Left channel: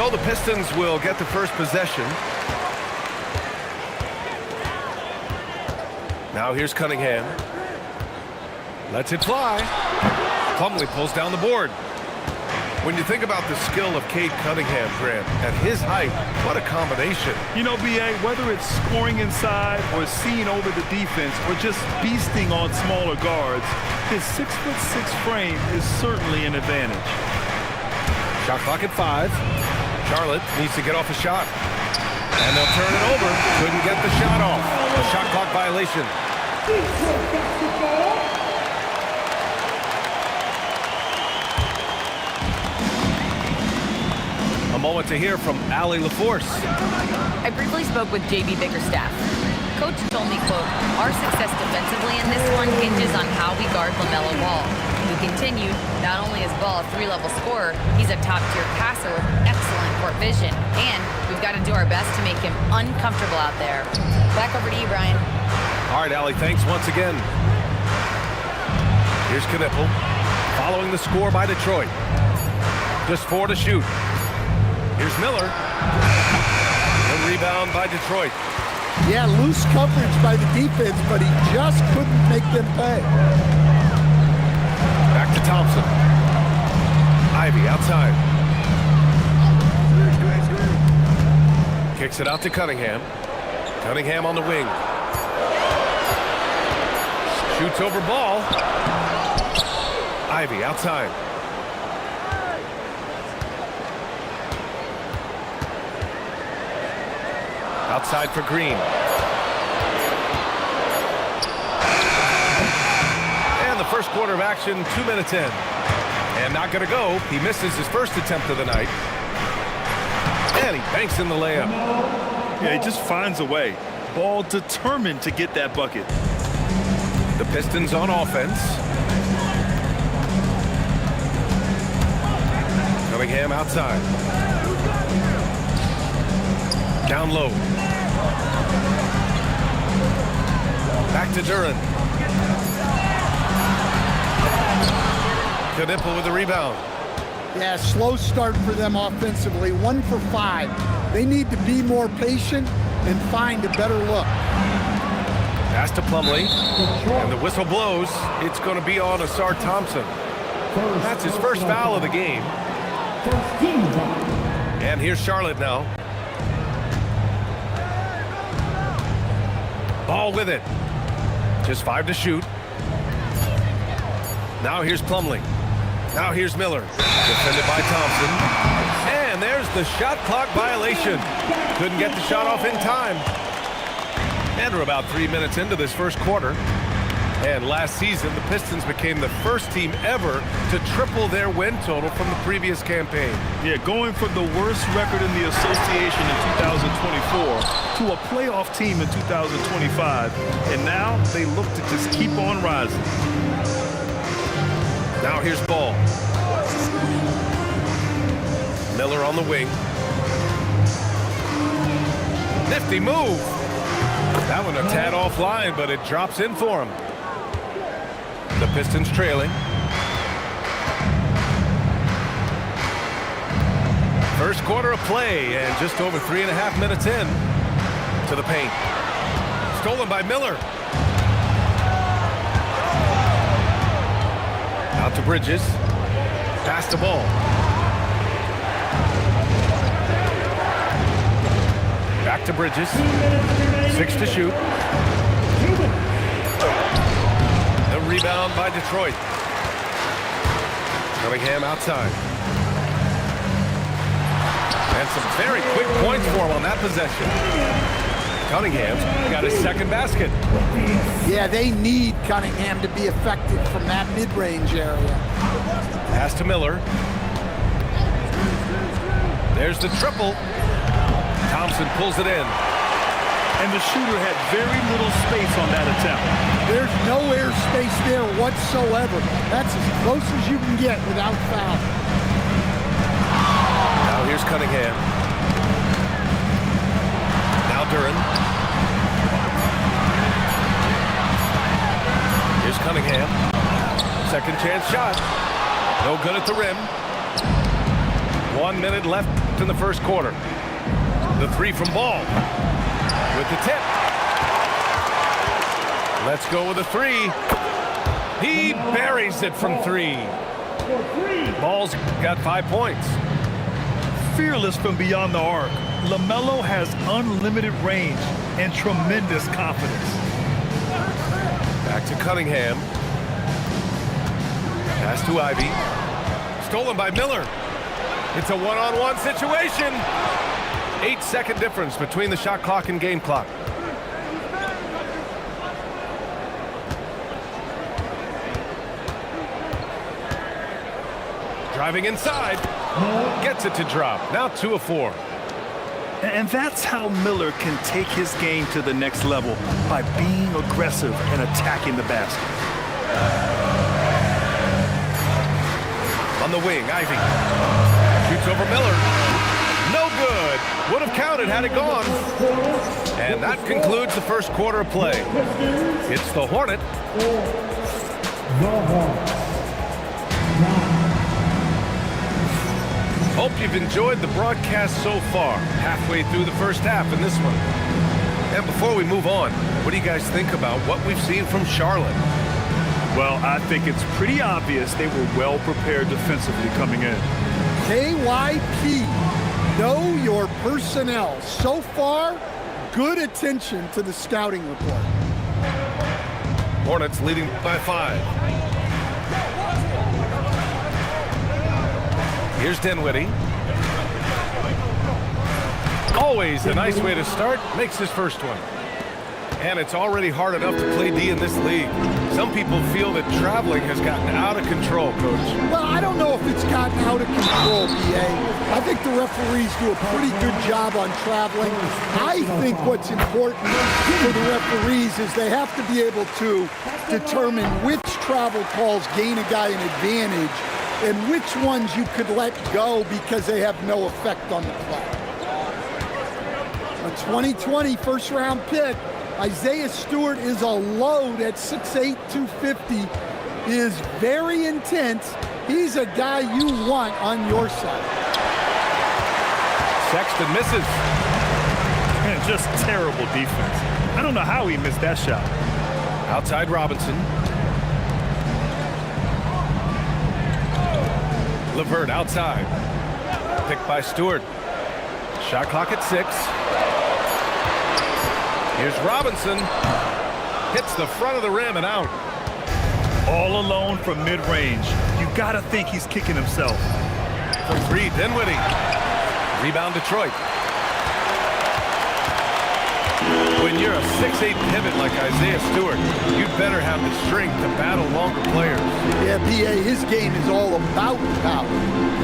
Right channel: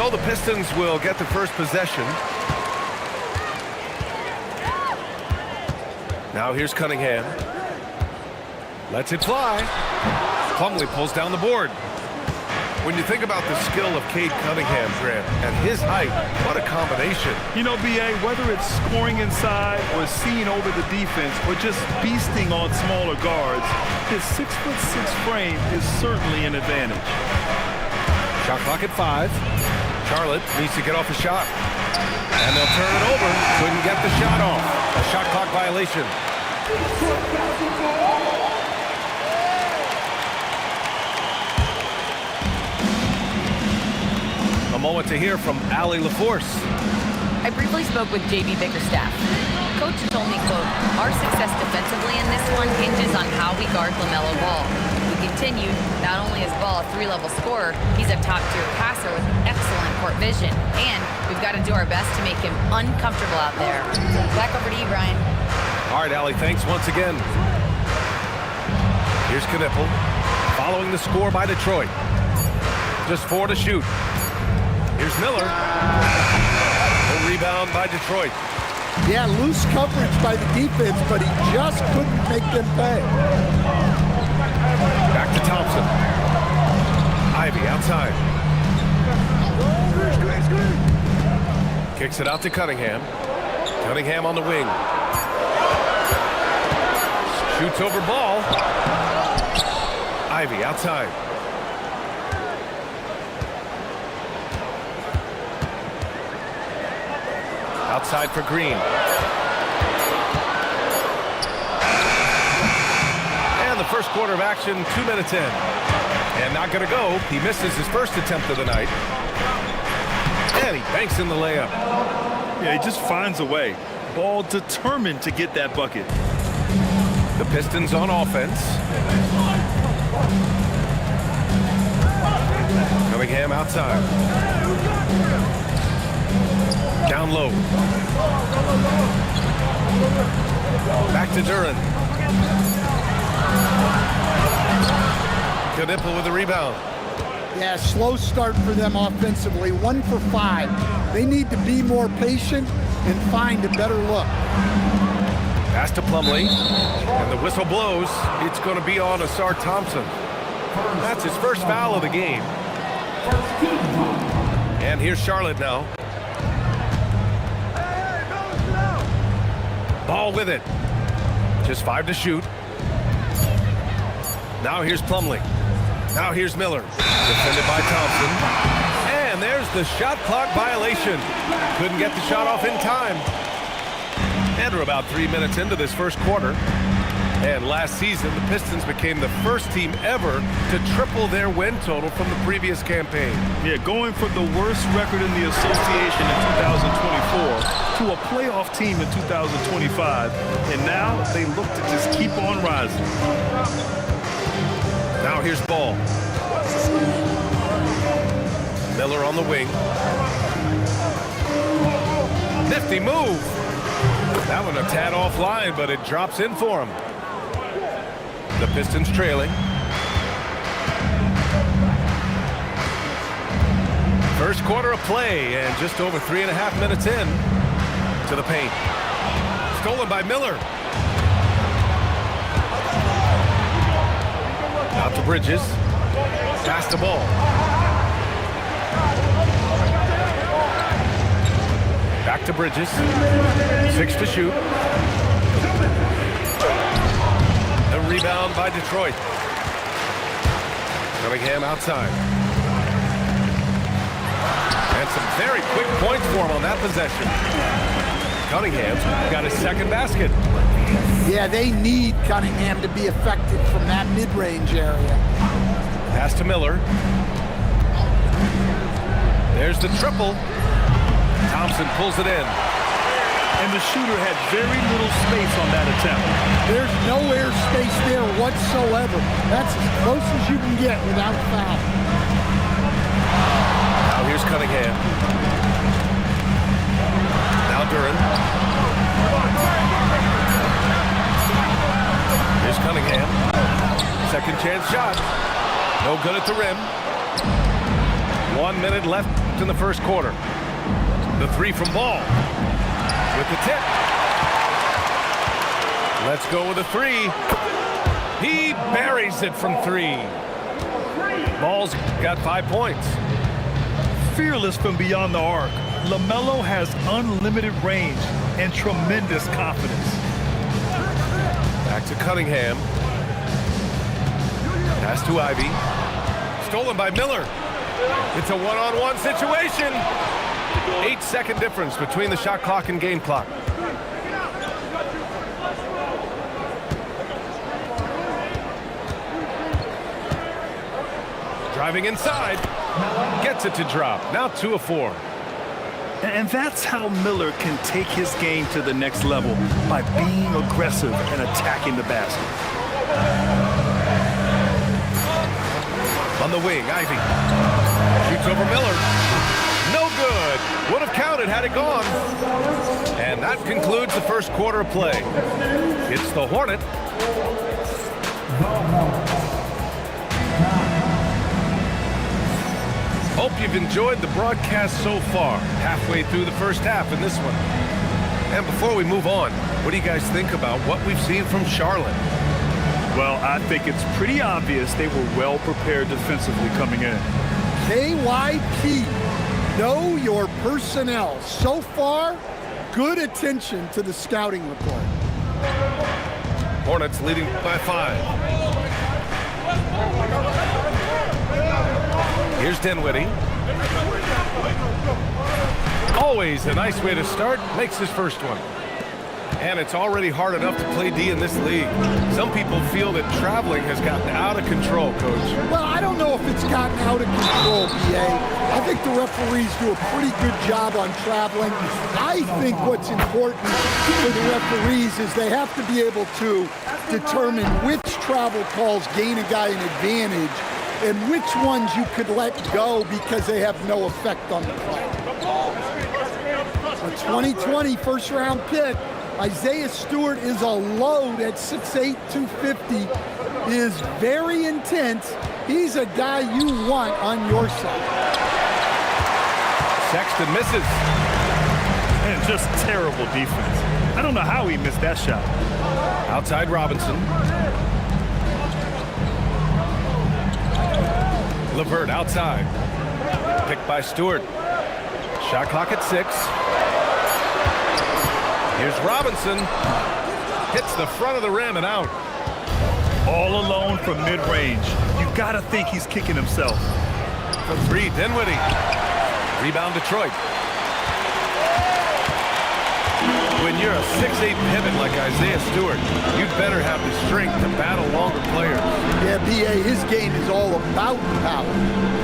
So the Pistons will get the first possession. Now here's Cunningham. Lets it fly. Plumlee pulls down the board. When you think about the skill of Cade Cunningham, Grant, at his height, what a combination. You know, B.A., whether it's scoring inside or seeing over the defense or just beasting on smaller guards, his 6'6" frame is certainly an advantage. Shot clock at 5. Charlotte needs to get off a shot. And they'll turn it over. Couldn't get the shot off. A shot clock violation. A moment to hear from Allie LaForce. I briefly spoke with J.B. Bickerstaff. Coach told me, quote, our success defensively in this one hinges on how we guard LaMelo Ball. He continued, not only is Ball a 3-level scorer, he's a top-tier passer with excellent court vision. And we've got to do our best to make him uncomfortable out there. Back over to you, Brian. All right, Allie, thanks once again. Here's Knipple, following the score by Detroit. Just 4 to shoot. Here's Miller. The rebound by Detroit. Yeah, loose coverage by the defense, but he just couldn't make them pay. Back to Thompson. Ivy outside. Kicks it out to Cunningham. Cunningham on the wing. Shoots over Ball. Ivy outside. Outside for Green. And the first quarter of action, 2 minutes in. And not going to go. He misses his first attempt of the night. And he banks in the layup. Yeah, he just finds a way. Ball determined to get that bucket. The Pistons on offense. Cunningham outside. Down low. Back to Duren. Knipple with the rebound. Yeah, slow start for them offensively. 1 for 5. They need to be more patient and find a better look. Pass to Plumlee. And the whistle blows. It's going to be on Asar Thompson. That's his first foul of the game. And here's Charlotte now. Ball with it. Just 5 to shoot. Now here's Plumlee. Now here's Miller. Defended by Thompson. And there's the shot clock violation. Couldn't get the shot off in time. And we're about 3 minutes into this first quarter. And last season, the Pistons became the first team ever to triple their win total from the previous campaign. Yeah, going from the worst record in the association in 2024 to a playoff team in 2025. And now they look to just keep on rising. Now here's Ball. Miller on the wing. Nifty move. That one a tad offline, but it drops in for him. The Pistons trailing. First quarter of play, and just over 3.5 minutes in to the paint. Stolen by Miller. Out to Bridges. Pass the ball. Back to Bridges. 6 to shoot. The rebound by Detroit. Cunningham outside. And some very quick points for him on that possession. Cunningham's got his second basket. Yeah, they need Cunningham to be effective from that mid-range area. Pass to Miller. There's the triple. Thompson pulls it in. And the shooter had very little space on that attempt. There's no air space there whatsoever. That's as close as you can get without foul. Now here's Cunningham. Now Duren. Here's Cunningham. Second chance shot. No good at the rim. 1 minute left left in the first quarter. The three from Ball with the tip. Let's go with a three. He buries it from three. Ball's got 5 points. Fearless from beyond the arc, LaMelo has unlimited range and tremendous confidence. Back to Cunningham. Pass to Ivy. Stolen by Miller. It's a one-on-one situation. 8-second difference between the shot clock and game clock. Driving inside. Gets it to drop. Now 2 of 4. And that's how Miller can take his game to the next level, by being aggressive and attacking the basket. On the wing, Ivy. Shoots over Miller. No good. Would have counted had it gone. And that concludes the first quarter of play. It's the Hornet. Hope you've enjoyed the broadcast so far. Halfway through the first half in this one. And before we move on, what do you guys think about what we've seen from Charlotte? Well, I think it's pretty obvious they were well prepared defensively coming in. KYP, know your personnel. So far, good attention to the scouting report. Hornets leading by 5. Here's Dinwiddie. Always a nice way to start. Makes his first one. And it's already hard enough to play D in this league. Some people feel that traveling has gotten out of control, Coach. Well, I don't know if it's gotten out of control, B.A. I think the referees do a pretty good job on traveling. I think what's important for the referees is they have to be able to determine which travel calls gain a guy an advantage and which ones you could let go because they have no effect on the play. A 2020 first-round pick, Isaiah Stewart, is a load at 6'8", 250, is very intense. He's a guy you want on your side. Sexton misses. And just terrible defense. I don't know how he missed that shot. Outside Robinson. LeVert outside. Picked by Stewart. Shot clock at 6. Here's Robinson. Hits the front of the rim and out. All alone from mid-range. You gotta think he's kicking himself. For 3, Dinwiddie. Rebound Detroit. When you're a 6'8" pivot like Isaiah Stewart, you'd better have the strength to battle longer players. Yeah, B.A., his game is all about power.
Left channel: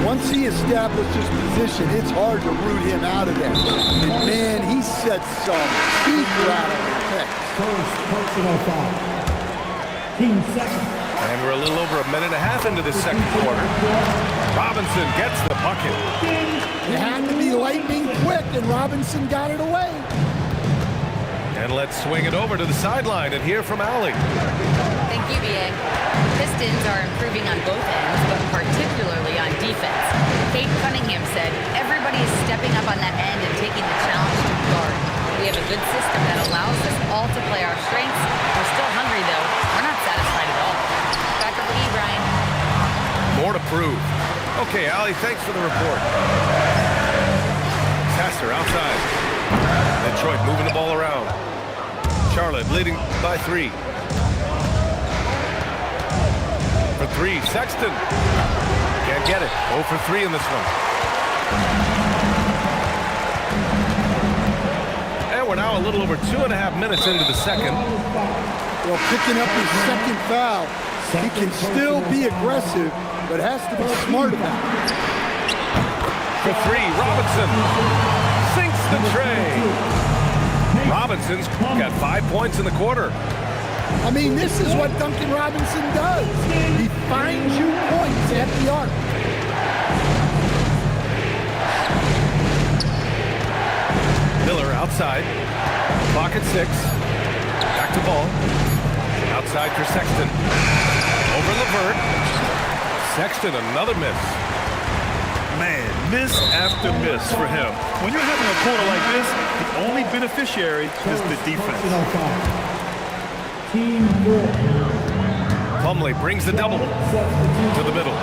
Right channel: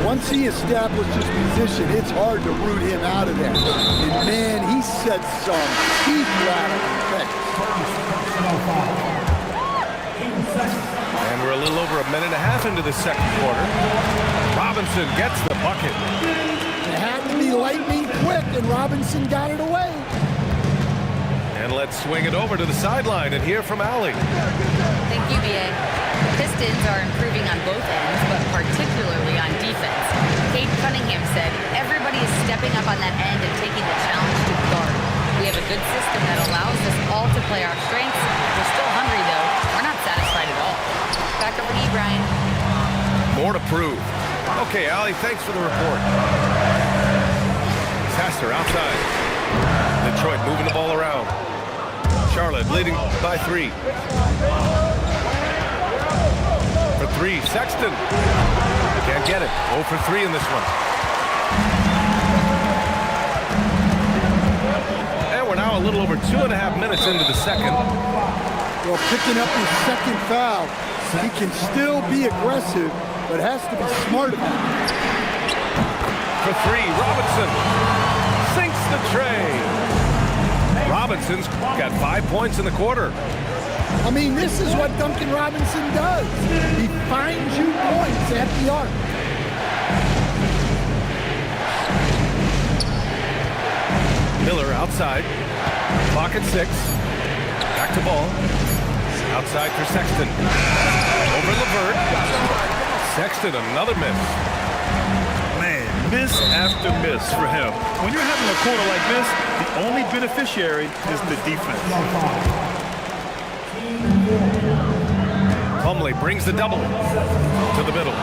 Once he establishes position, it's hard to root him out of there. And, man, he sets some teeth-rattling picks. And we're a little over a minute and a half into the second quarter. Robinson gets the bucket. It had to be lightning quick, and Robinson got it away. And let's swing it over to the sideline and hear from Allie. Thank you, B.A. The Pistons are improving on both ends, but particularly on defense. Kate Cunningham said, everybody is stepping up on that end and taking the challenge to guard. We have a good system that allows us all to play our strengths. We're still hungry, though. We're not satisfied at all. Back over to you, Brian. More to prove. Okay, Allie, thanks for the report. Sasser outside. Detroit moving the ball around. Charlotte leading by 3. For 3, Sexton. Can't get it. 0 for 3 in this one. And we're now a little over 2.5 minutes into the second. Well, picking up his second foul, he can still be aggressive, but has to be smart about it. For 3, Robinson sinks the tray. Robinson's got 5 points in the quarter. I mean, this is what Duncan Robinson does. He finds you points at the arc. Miller outside. Clock at 6. Back to Ball. Outside for Sexton. Over LeVert. Sexton, another miss. Man, miss after miss for him. When you're having a quarter like this, the only beneficiary is the defense. Plumlee brings the double to the middle.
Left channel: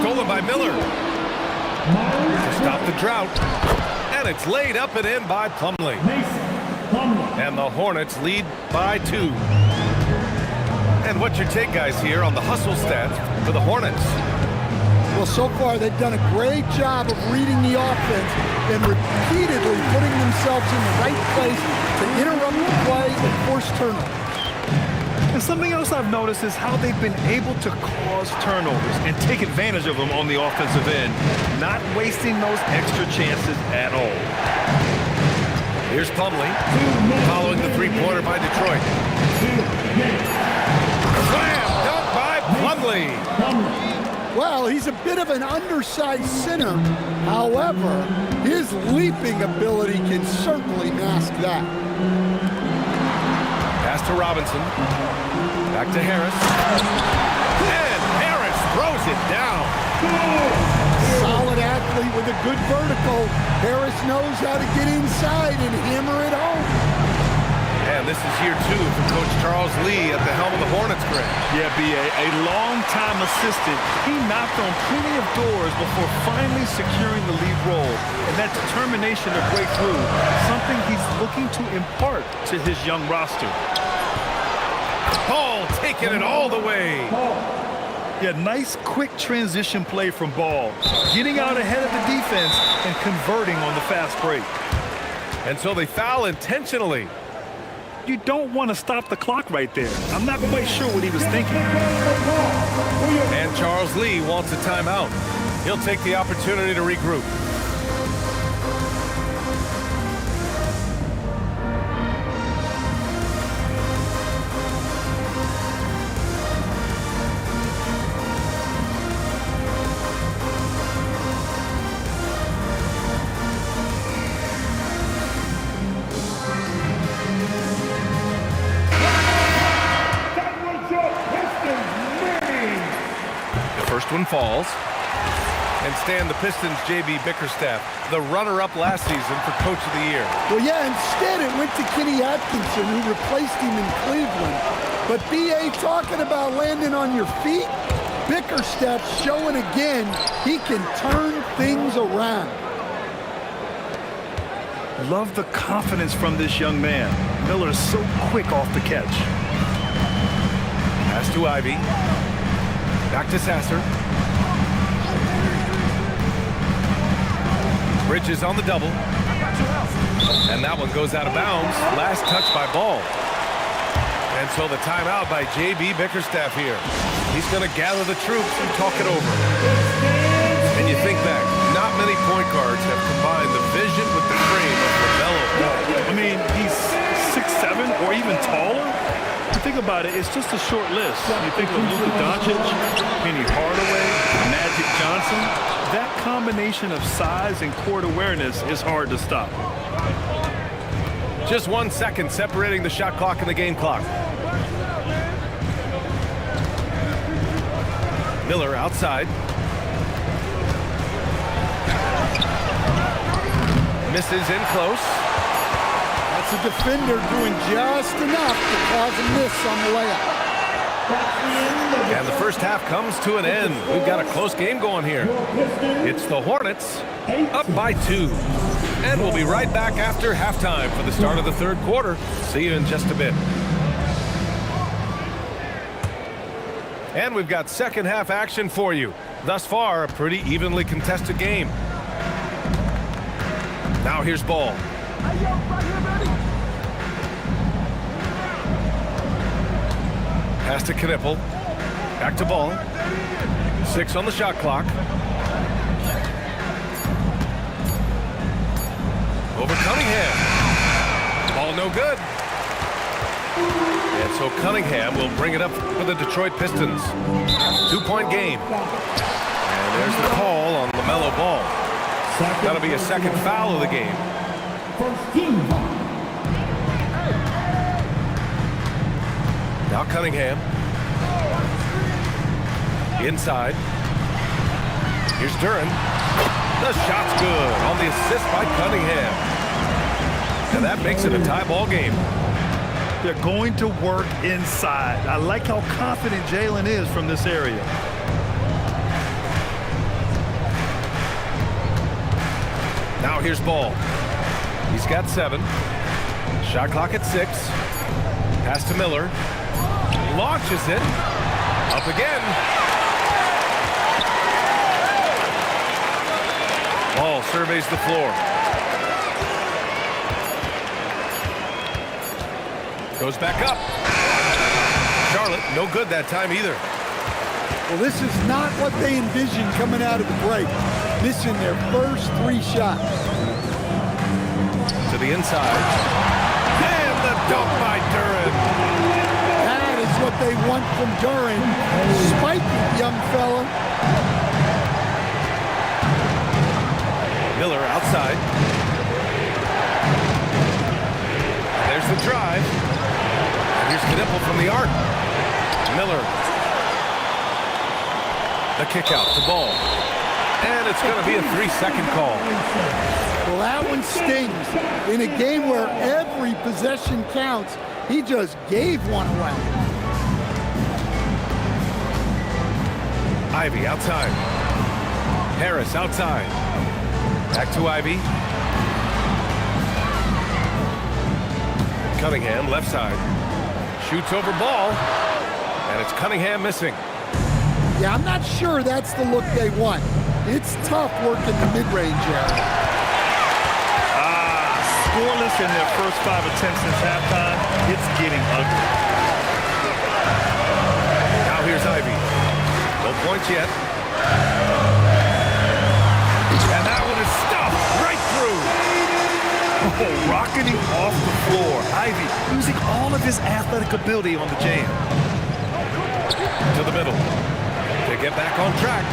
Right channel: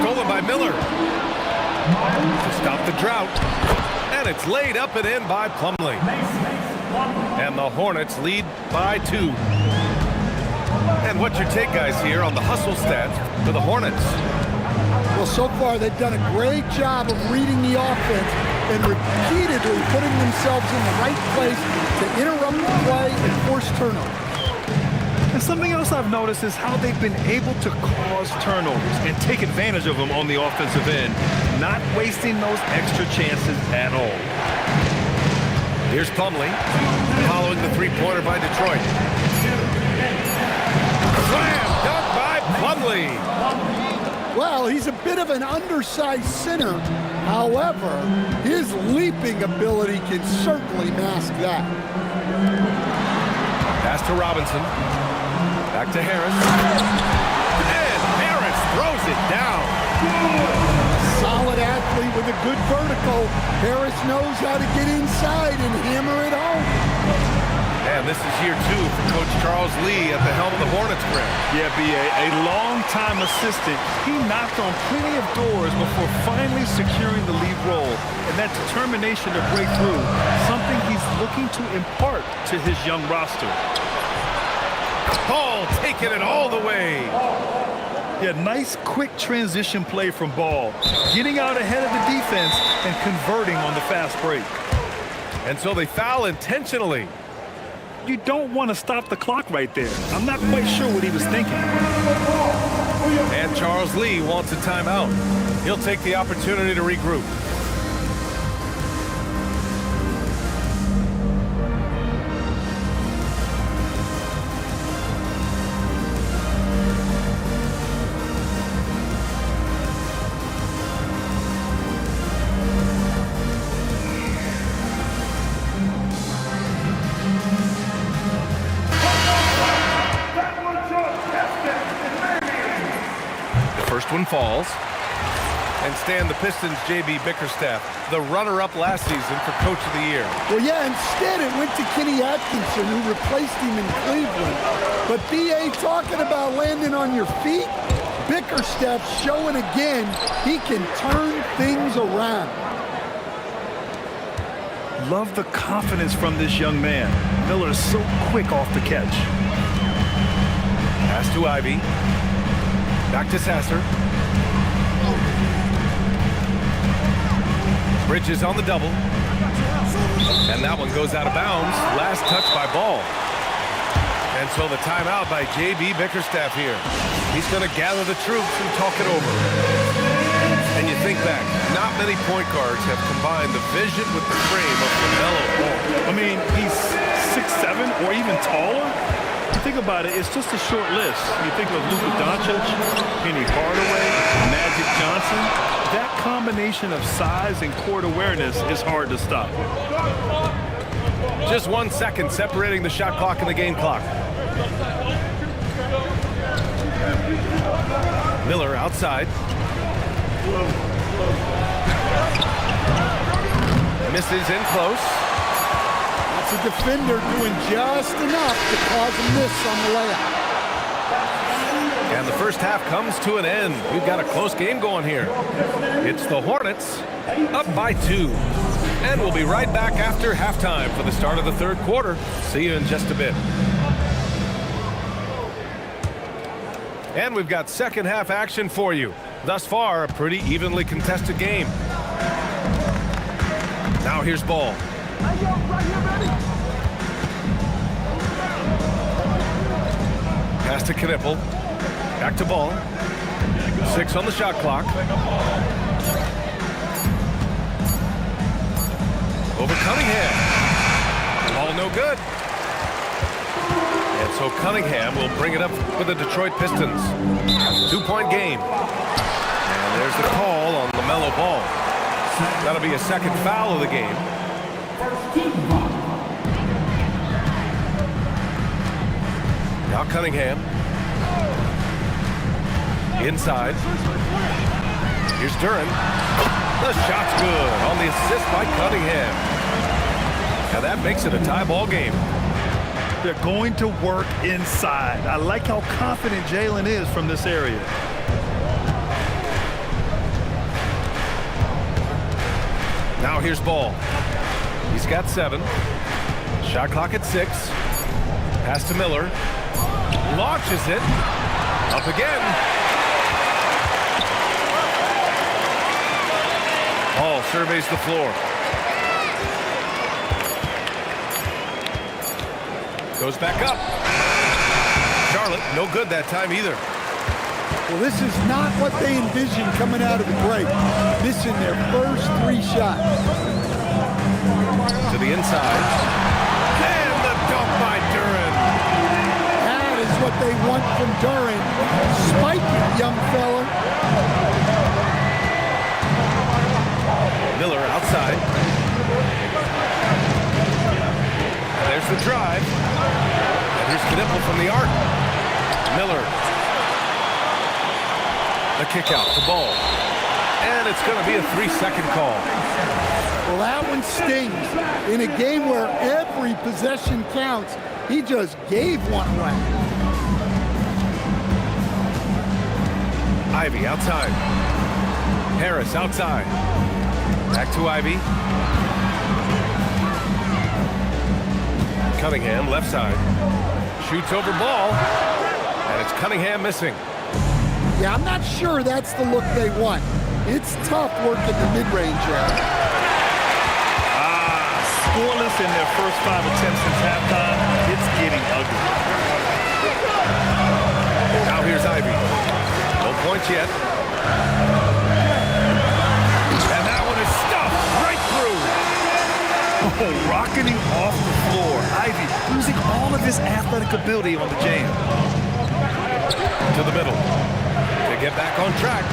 Stolen by Miller to stop the drought. And it's laid up and in by Plumlee. And the Hornets lead by 2. And what's your take, guys, here on the hustle stats for the Hornets? Well, so far they've done a great job of reading the offense and repeatedly putting themselves in the right place to interrupt the play and force turnovers. And something else I've noticed is how they've been able to cause turnovers and take advantage of them on the offensive end, not wasting those extra chances at all. Here's Plumlee following the three-pointer by Detroit. Slam dunk by Plumlee. Well, he's a bit of an undersized center. However, his leaping ability can certainly mask that. Pass to Robinson. Back to Harris. And Harris throws it down. A solid athlete with a good vertical. Harris knows how to get inside and hammer it home. And this is year 2 for Coach Charles Lee at the helm of the Hornets, Greg. Yeah, B.A., a long-time assistant. He knocked on plenty of doors before finally securing the lead role. And that determination to break through, something he's looking to impart to his young roster. Ball taking it all the way. Yeah, nice quick transition play from Ball. Getting out ahead of the defense and converting on the fast break. And so they foul intentionally. You don't want to stop the clock right there. I'm not quite sure what he was thinking. And Charles Lee wants a timeout. He'll take the opportunity to regroup. First one falls. And Stan, the Pistons' J.B. Bickerstaff, the runner-up last season for Coach of the Year. Well, yeah, instead it went to Kenny Atkinson, who replaced him in Cleveland. But B.A. talking about landing on your feet, Bickerstaff showing again he can turn things around. Love the confidence from this young man. Miller's so quick off the catch. Pass to Ivy. Back to Sasser. Bridges on the double. And that one goes out of bounds. Last touch by Ball. And so the timeout by J.B. Bickerstaff here. He's going to gather the troops and talk it over. And you think back, not many point guards have combined the vision with the frame of LaMelo Ball. I mean, he's 6'7" or even taller. You think about it, it's just a short list. You think of Luka Doncic, Penny Hardaway, Magic Johnson. That combination of size and court awareness is hard to stop. Just 1 second separating the shot clock and the game clock. Miller outside. Misses in close. That's a defender doing just enough to cause a miss on the layup. And the first half comes to an end. We've got a close game going here. It's the Hornets up by 2. And we'll be right back after halftime for the start of the third quarter. See you in just a bit. And we've got second half action for you. Thus far, a pretty evenly contested game. Now here's Ball. Pass to Knippel. Back to Ball. 6 on the shot clock. Over Cunningham. Ball no good. And so Cunningham will bring it up for the Detroit Pistons. 2-point game. And there's the call on LaMelo Ball. That'll be a second foul of the game. Now Cunningham. Inside. Here's Duren. The shot's good on the assist by Cunningham. And that makes it a tie ball game. They're going to work inside. I like how confident Jalen is from this area. Now here's Ball. He's got 7. Shot clock at 6. Pass to Miller. Launches it. Up again. Ball surveys the floor. Goes back up. Charlotte, no good that time either. Well, this is not what they envisioned coming out of the break. Missing their first 3 shots. To the inside. And the dunk by Duren. That is what they want from Duren. Spike it, young fella. Miller outside. There's the drive. And here's Knipple from the arc. Miller. The kick out to Ball. And it's going to be a 3-second call. Well, that one stings. In a game where every possession counts, he just gave one away. Ivy outside. Harris outside. Back to Ivy. Cunningham left side. Shoots over Ball. And it's Cunningham missing. Yeah, I'm not sure that's the look they want. It's tough working the mid-range area. Scoreless in their first 5 attempts since halftime. It's getting ugly. Now here's Ivy. No points yet. And that one is stuffed right through. Oh, rocketing off the floor. Ivy using all of his athletic ability on the jam. To the middle. To get back on track.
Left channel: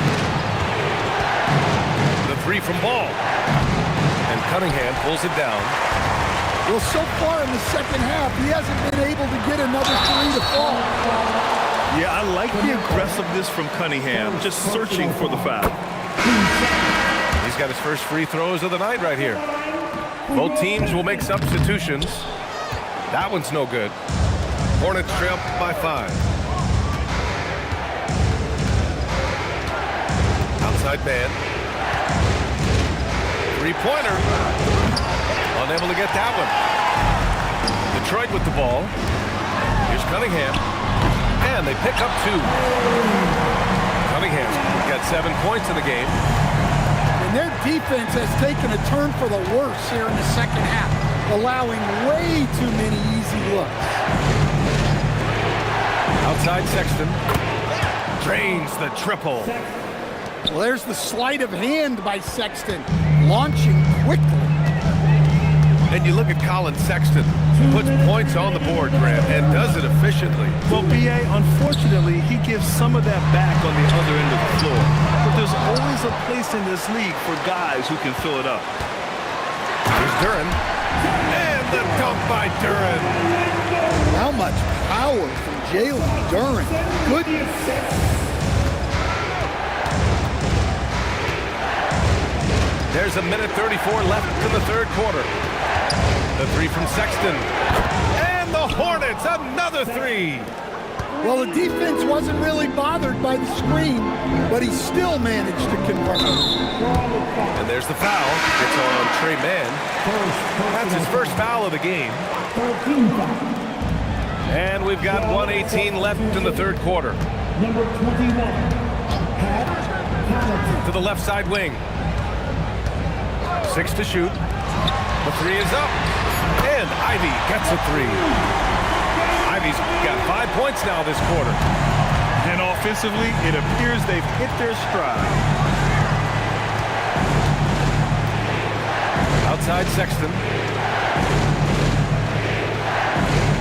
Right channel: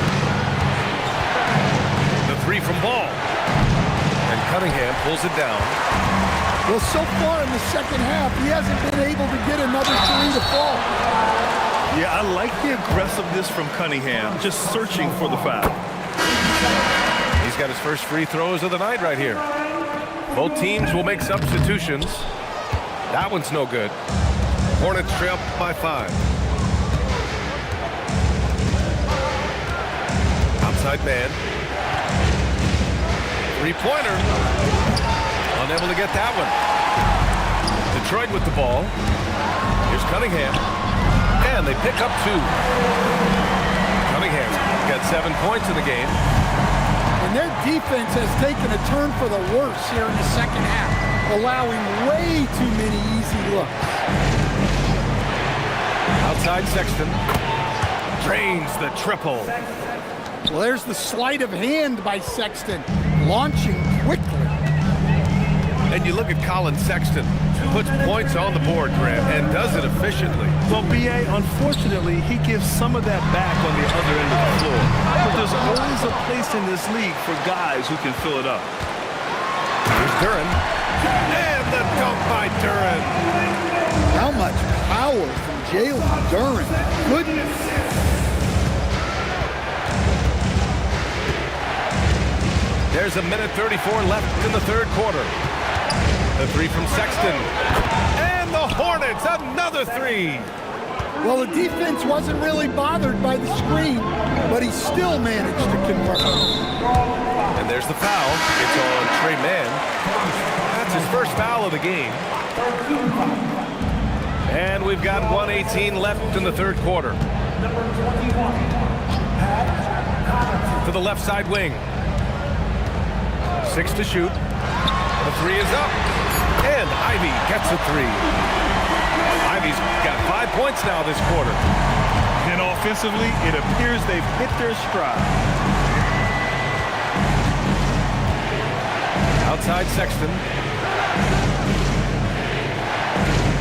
The 3 from Ball. And Cunningham pulls it down. Well, so far in the second half, he hasn't been able to get another 3 to fall. Yeah, I like the aggressiveness from Cunningham, just searching for the foul. He's got his first free throws of the night right here. Both teams will make substitutions. That one's no good. Hornets trail by 5. Outside man. 3-pointer. Unable to get that one. Detroit with the ball. Here's Cunningham. And they pick up 2. Cunningham's got 7 points in the game. And their defense has taken a turn for the worse here in the second half, allowing way too many easy looks. Outside Sexton. Drains the triple. Well, there's the sleight of hand by Sexton, launching quickly. And you look at Colin Sexton, puts points on the board, Grant, and does it efficiently. Well, B.A., unfortunately, he gives some of that back on the other end of the floor. But there's always a place in this league for guys who can fill it up. Here's Duren. And the dunk by Duren. How much power from Jalen Duren. Goodness. There's a minute 34 left in the third quarter. The 3 from Sexton. And the Hornets, another 3. Well, the defense wasn't really bothered by the screen, but he still managed to convert. And there's the foul. It's on Trey Mann. That's his first foul of the game. And we've got 1:18 left in the third quarter. To the left side wing. 6 to shoot. The 3 is up. And Ivy gets a 3. Ivy's got 5 points now this quarter. And offensively, it appears they've hit their stride. Outside Sexton.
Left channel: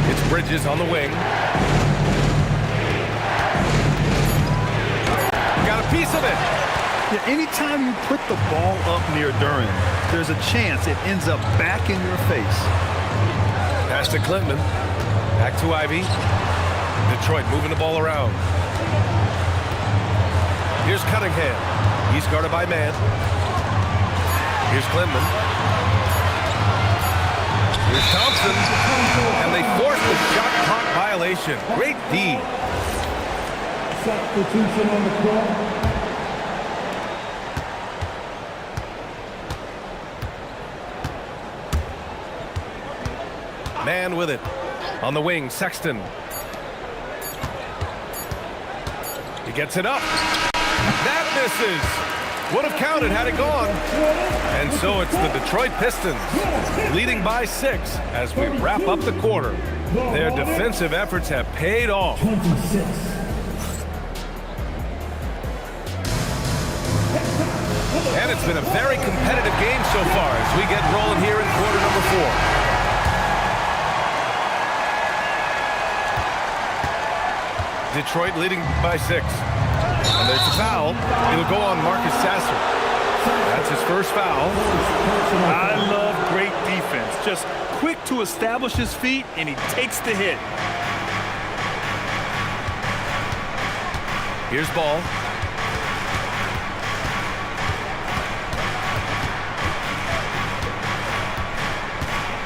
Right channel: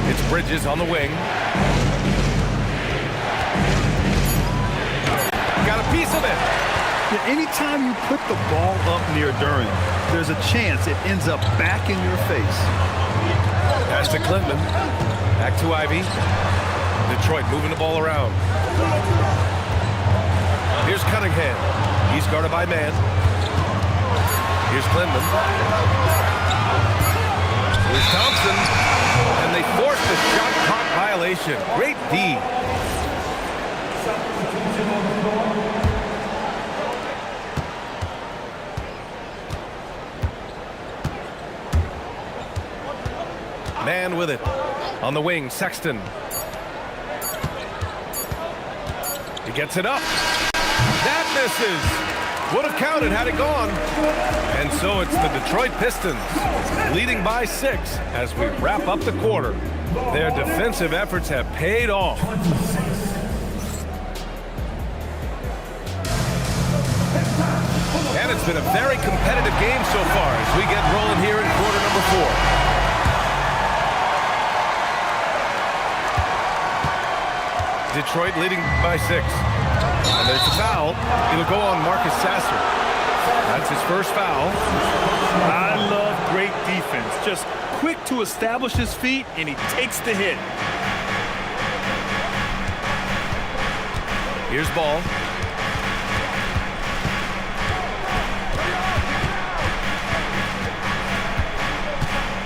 It's Bridges on the wing. Got a piece of it. Yeah, anytime you put the ball up near Duren, there's a chance it ends up back in your face. Pass to Clinton. Back to Ivy. Detroit moving the ball around. Here's Cunningham. He's guarded by Mann. Here's Klingman. Here's Thompson. And they force the shot clock violation. Great D. Substitution on the floor. Man with it. On the wing, Sexton. He gets it up. That misses. Would have counted had it gone. And so it's the Detroit Pistons leading by 6 as we wrap up the quarter. Their defensive efforts have paid off. 26. And it's been a very competitive game so far as we get rolling here in quarter number 4. Detroit leading by 6. And there's the foul. It'll go on Marcus Sasser. That's his first foul. I love great defense. Just quick to establish his feet, and he takes the hit. Here's Ball.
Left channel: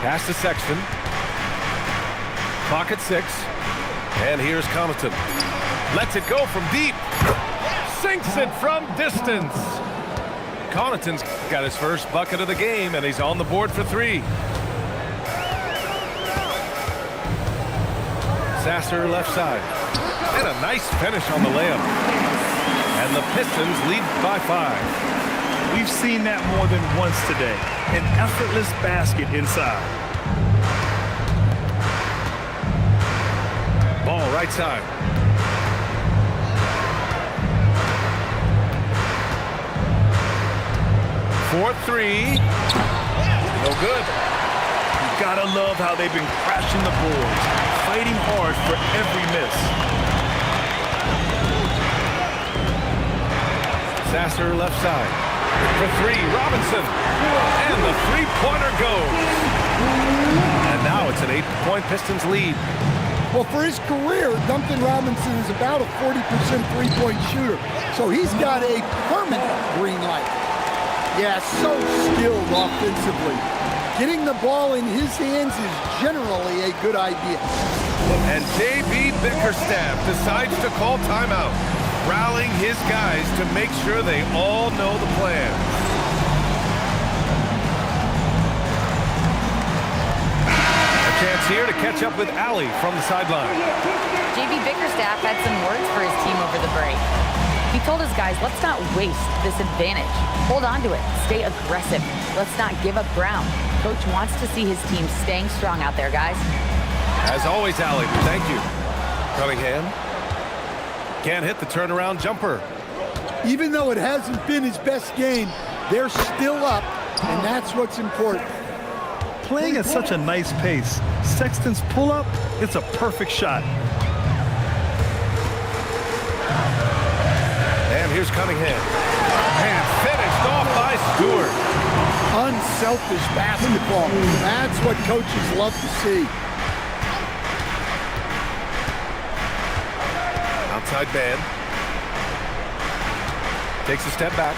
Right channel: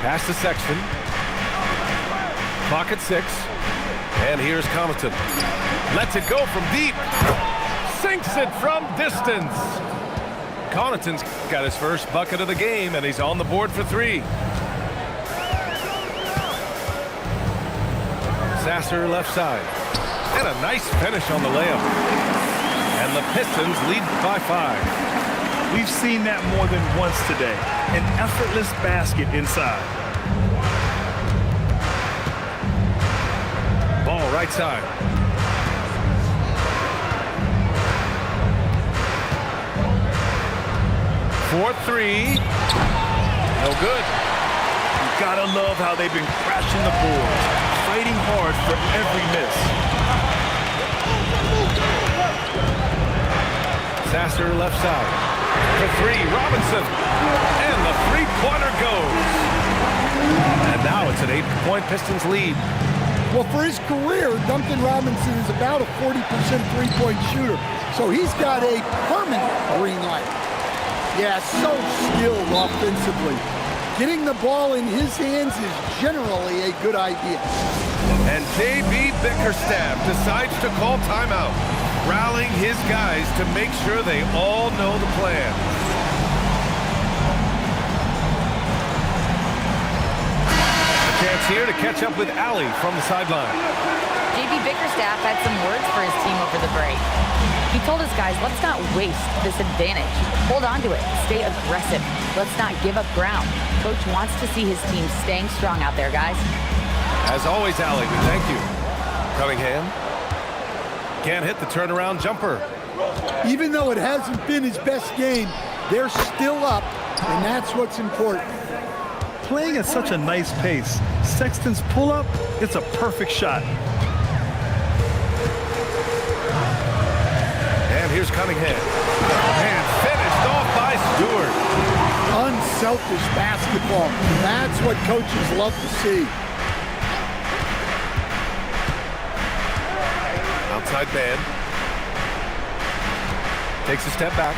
Pass to Sexton. Clock at 6. And here's Connaughton. Lets it go from deep. Sinks it from distance. Connaughton's got his first bucket of the game, and he's on the board for 3. Sasser left side. And a nice finish on the layup. And the Pistons lead by 5. We've seen that more than once today. An effortless basket inside. Ball right side. For 3. No good. You gotta love how they've been crashing the boards, fighting hard for every miss. Sasser left side. For 3, Robinson. And the three-pointer goes. And now it's an 8-point Pistons lead. Well, for his career, Duncan Robinson is about a 40% three-point shooter. So he's got a permanent green light. Yeah, so skilled offensively. Getting the ball in his hands is generally a good idea. And J.B. Bickerstaff decides to call timeout, rallying his guys to make sure they all know the plan. A chance here to catch up with Allie from the sideline. J.B. Bickerstaff had some words for his team over the break. He told his guys, let's not waste this advantage. Hold on to it. Stay aggressive. Let's not give up ground. Coach wants to see his team staying strong out there, guys. As always, Allie, we thank you. Cunningham can't hit the turnaround jumper. Even though it hasn't been his best game, they're still up, and that's what's important. Playing at such a nice pace, Sexton's pull-up, it's a perfect shot. And here's Cunningham. And finished off by Stewart. Unselfish basketball. That's what coaches love to see. Outside man. Takes a step back.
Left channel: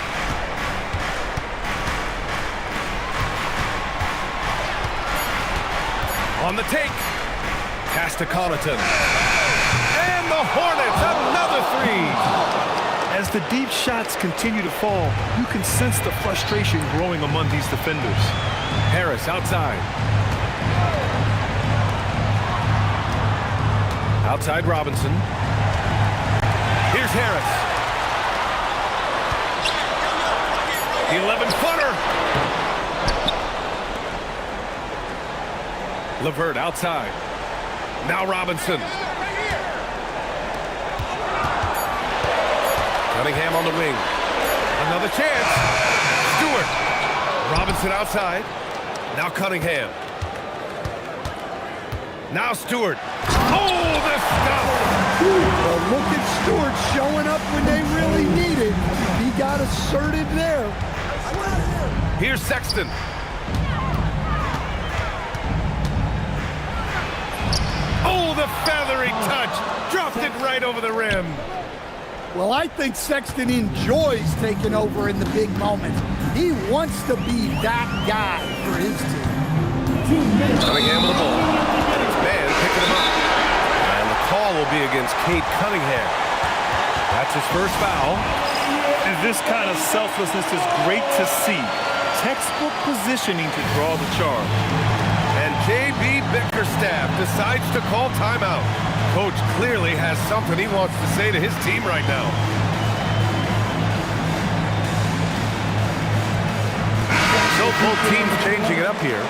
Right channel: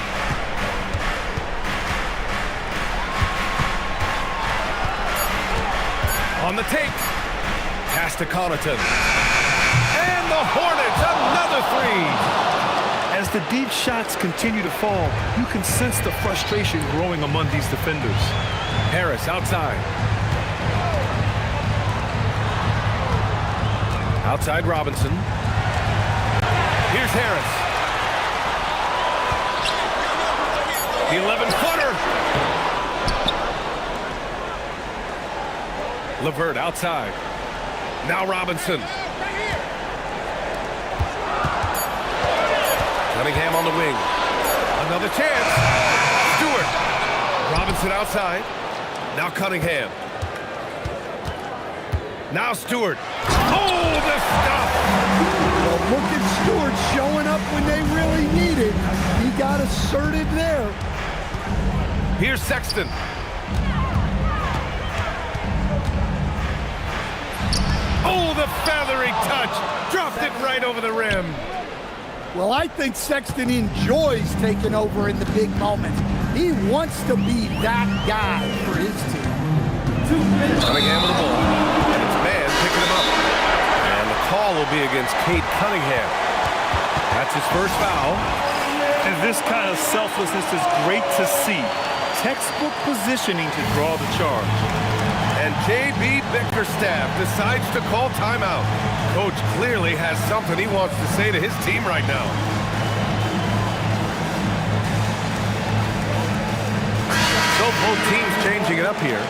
On the take. Pass to Connaughton. And the Hornets, another 3. As the deep shots continue to fall, you can sense the frustration growing among these defenders. Harris outside. Outside Robinson. Here's Harris. The 11-footer. LeVert outside. Now Robinson. Cunningham on the wing. Another chance. Stewart. Robinson outside. Now Cunningham. Now Stewart. Oh, the stuff. Well, look at Stewart showing up when they really need it. He got assertive there. Here's Sexton. Oh, the feathery touch. Dropped it right over the rim. Well, I think Sexton enjoys taking over in the big moments. He wants to be that guy for his team. Cunningham with the ball, and it's man picking him up. And the call will be against Cade Cunningham. That's his first foul. And this kind of selflessness is great to see. Textbook positioning to draw the charge. And J.B. Bickerstaff decides to call timeout. Coach clearly has something he wants to say to his team right now. So both teams changing it up here.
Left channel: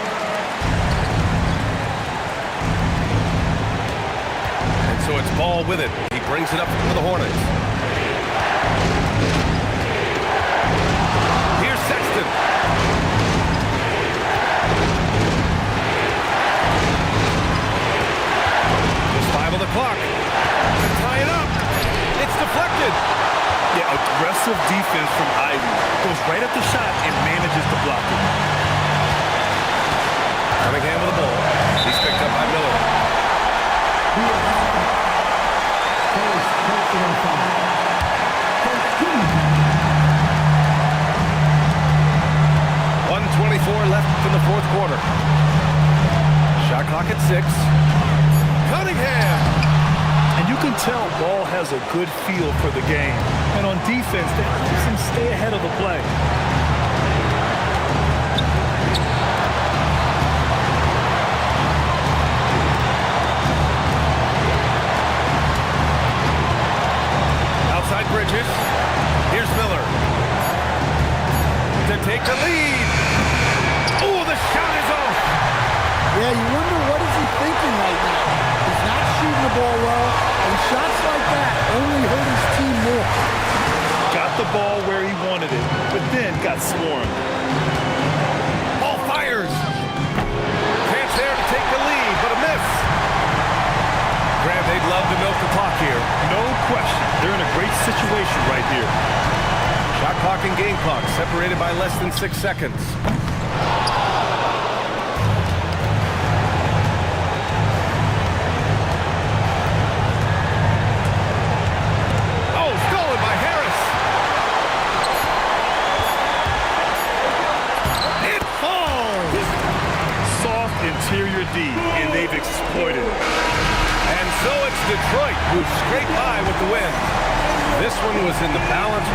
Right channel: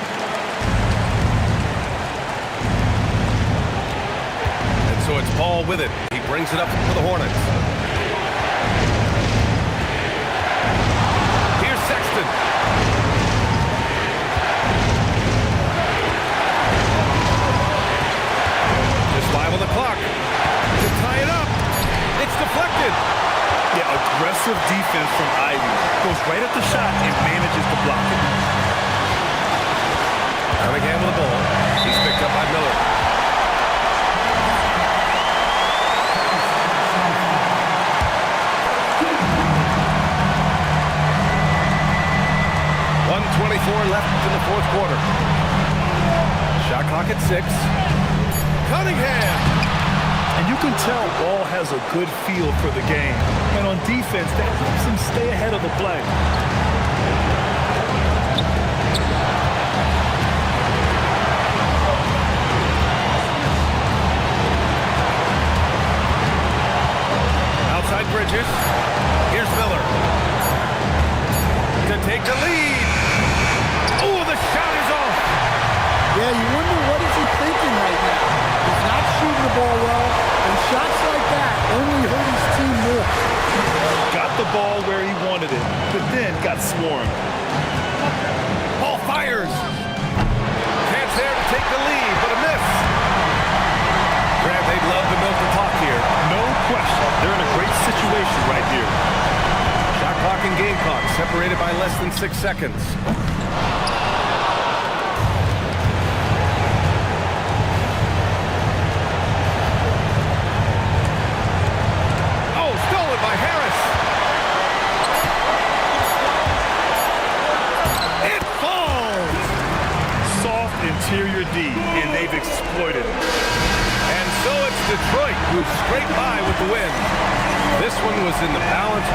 And so it's Ball with it. He brings it up for the Hornets. Here's Sexton. Just 5 on the clock to tie it up. It's deflected. Yeah, aggressive defense from Ivy. Goes right at the shot and manages to block it. Cunningham with the ball. He's picked up by Miller. .124 left in the fourth quarter. Shot clock at 6. Cunningham! And you can tell Ball has a good feel for the game. And on defense, that helps him stay ahead of the play. Outside Bridges. Here's Miller. To take the lead. Oh, the shot is off. Yeah, you wonder what is he thinking right now. He's not shooting the ball well, and shots like that only hurt his team more. Got the ball where he wanted it, but then got swarmed. Ball fires. Chance there to take the lead, but a miss. Grant, they'd love to milk the clock here. No question. They're in a great situation right here. Shot clock and game clock separated by less than 6 seconds. Oh, stolen by Harris. It falls. Soft interior D, and they've exploited it. And so it's Detroit who scraped by with the win. This one was in the balance.